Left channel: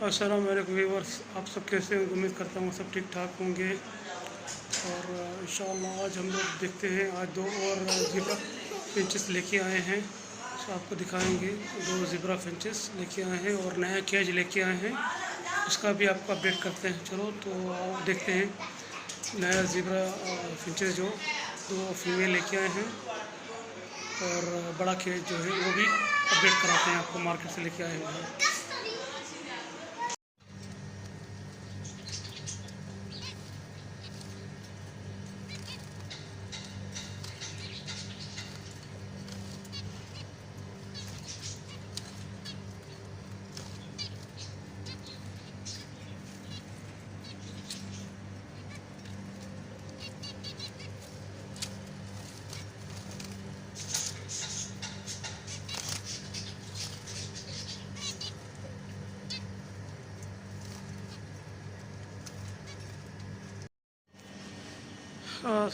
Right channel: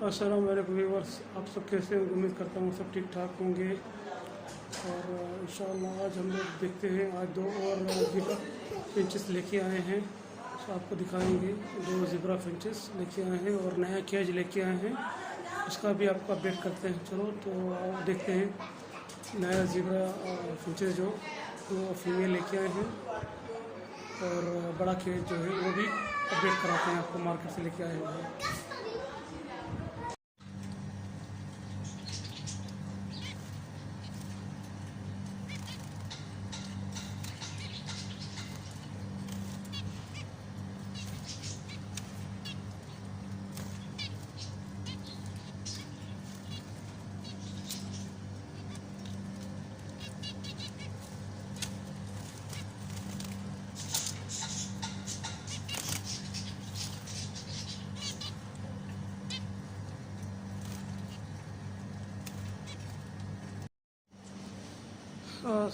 अस्सलाम वालेकुम व्यूअर्स, आप सब कैसे हैं? उम्मीद करता हूँ सब ठीक ठाक होंगे। और इंशाअल्लाह आज हम लोग देखते हैं, आज दो और ज़िब्रा फिंचेस लेके आए हैं। तो आपको दिखाएंगे, दो ज़िब्रा फिंचेस लेके आए हैं और नया केज लेके आए हैं, उसका भी आपको अपडेट करते हैं। चलो तो देखते हैं नया ज़िब्रा फिंचेस जो दो फीमेल लेके आए हैं और बड़ा केज जो है वो भी अपडेट कराते हैं आपको, मार्केट से लेके आए हुए हैं।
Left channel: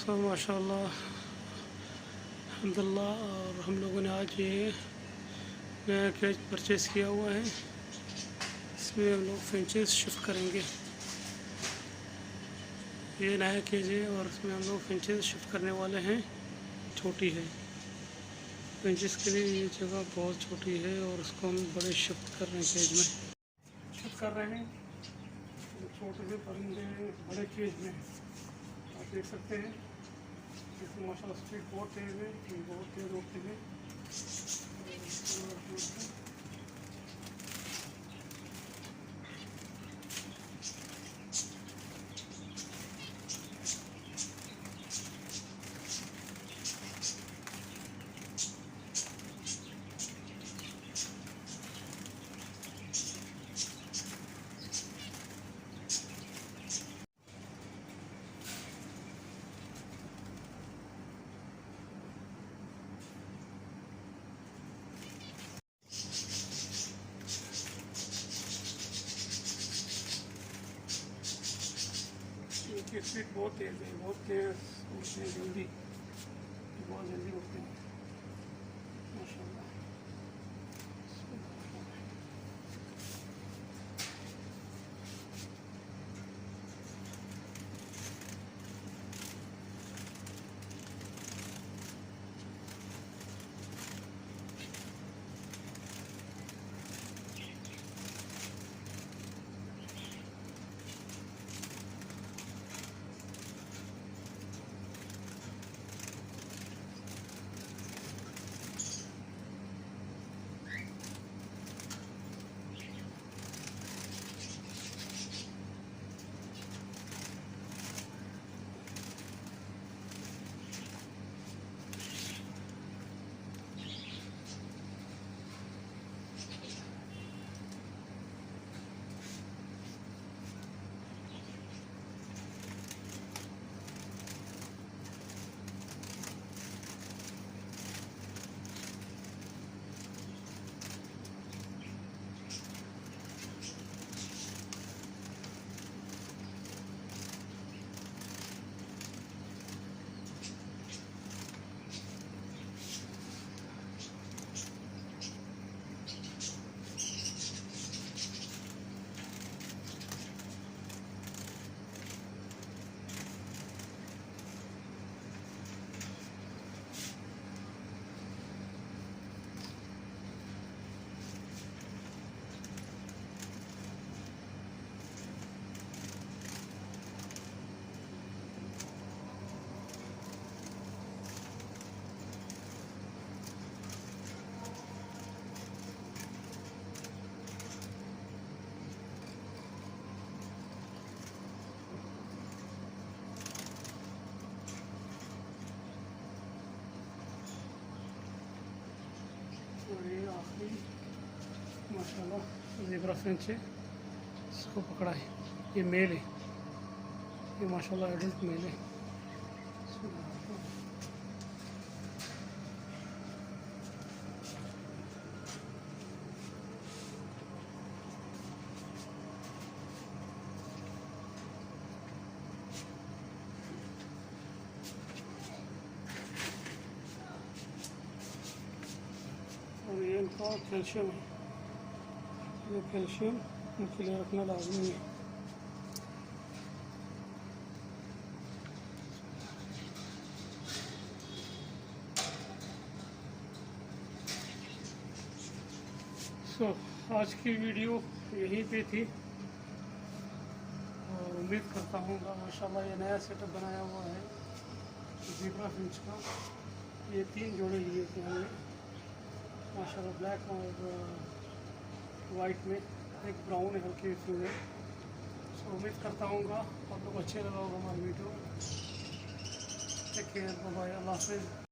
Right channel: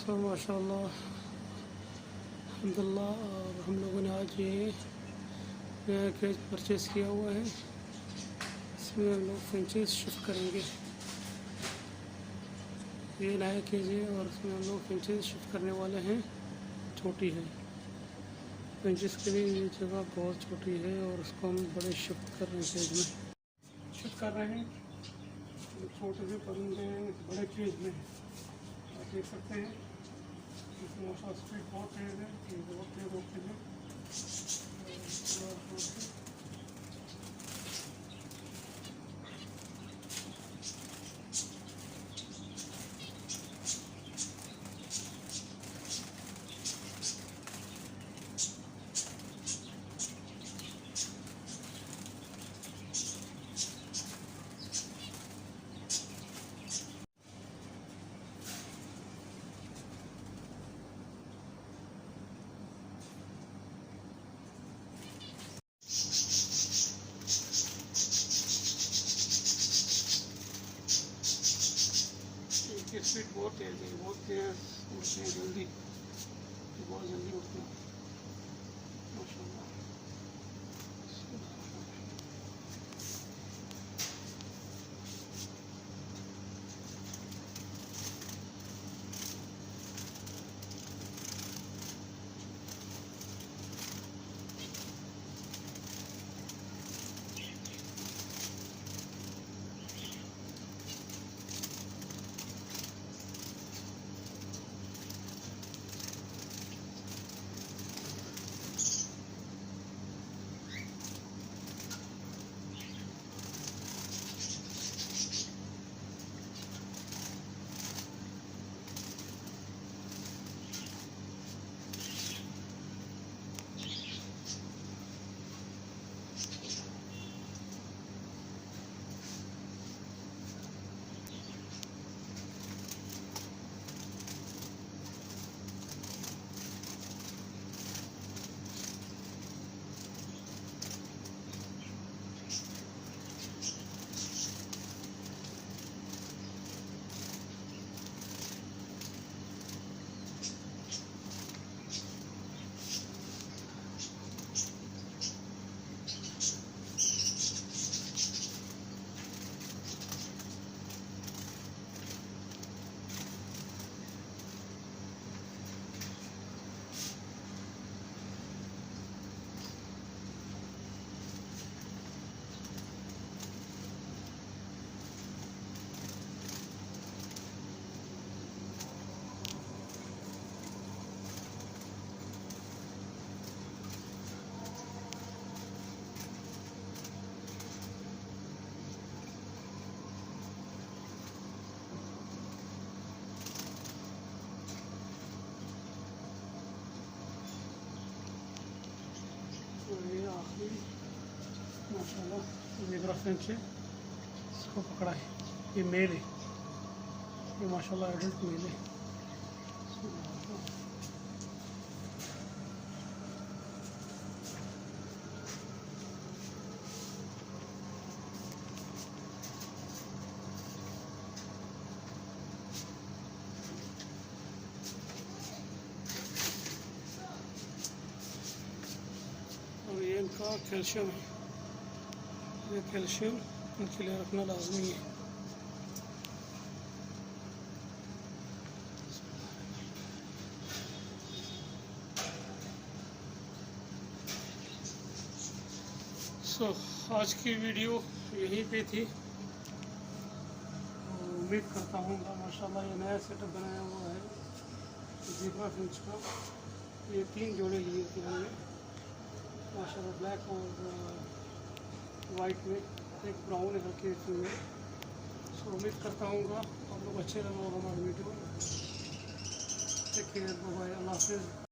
माशाल्लाह अल्हम्दुलिल्लाह। और हम लोगों ने आज ये नया केज परचेज़ किया हुआ है, इसमें हम लोग फिंचेस शिफ्ट करेंगे। ये नया केज है और इसमें हम लोग फिंचेस शिफ्ट करने वाले हैं। छोटी है फिंचेस के लिए, ये जगह बहुत छोटी है और उसको हम बड़े शिफ्ट कर रहे हैं, केज में शिफ्ट कर रहे हैं। छोटे से परिंदे बड़े केज में आप देख सकते हैं। माशाल्लाह स्पीड बहुत तेज़ है, बहुत तेज़ होते हैं। स्पीड बहुत तेज़ है, बहुत तेज़ उड़ते हैं, जल्दी बहुत जल्दी उड़ते हैं माशाल्लाह। ज़ेब्रा फिंच है, इसको पकड़ा है। ये मेल है, ये माशाल्लाह एडल्ट मेल है। और ये इनका कैल्शियम है, ये कैल्शियम इनके लिए रखना लाजमी है। आज की वीडियो यहीं पे थी और उम्मीद करता हूँ माशाल्लाह ये नया सेटअप बनाया हुआ है ज़ेब्रा फिंच का। ये 3 जोड़े लिए थे हमने माशाल्लाह, ब्लैक और वाइट में, एक ब्राउन है हल्के इसमें। उम्मीद करता हूँ आप लोग अच्छे लगा होगा हमारी video. Take care, bye bye, अल्लाह हाफ़िज़।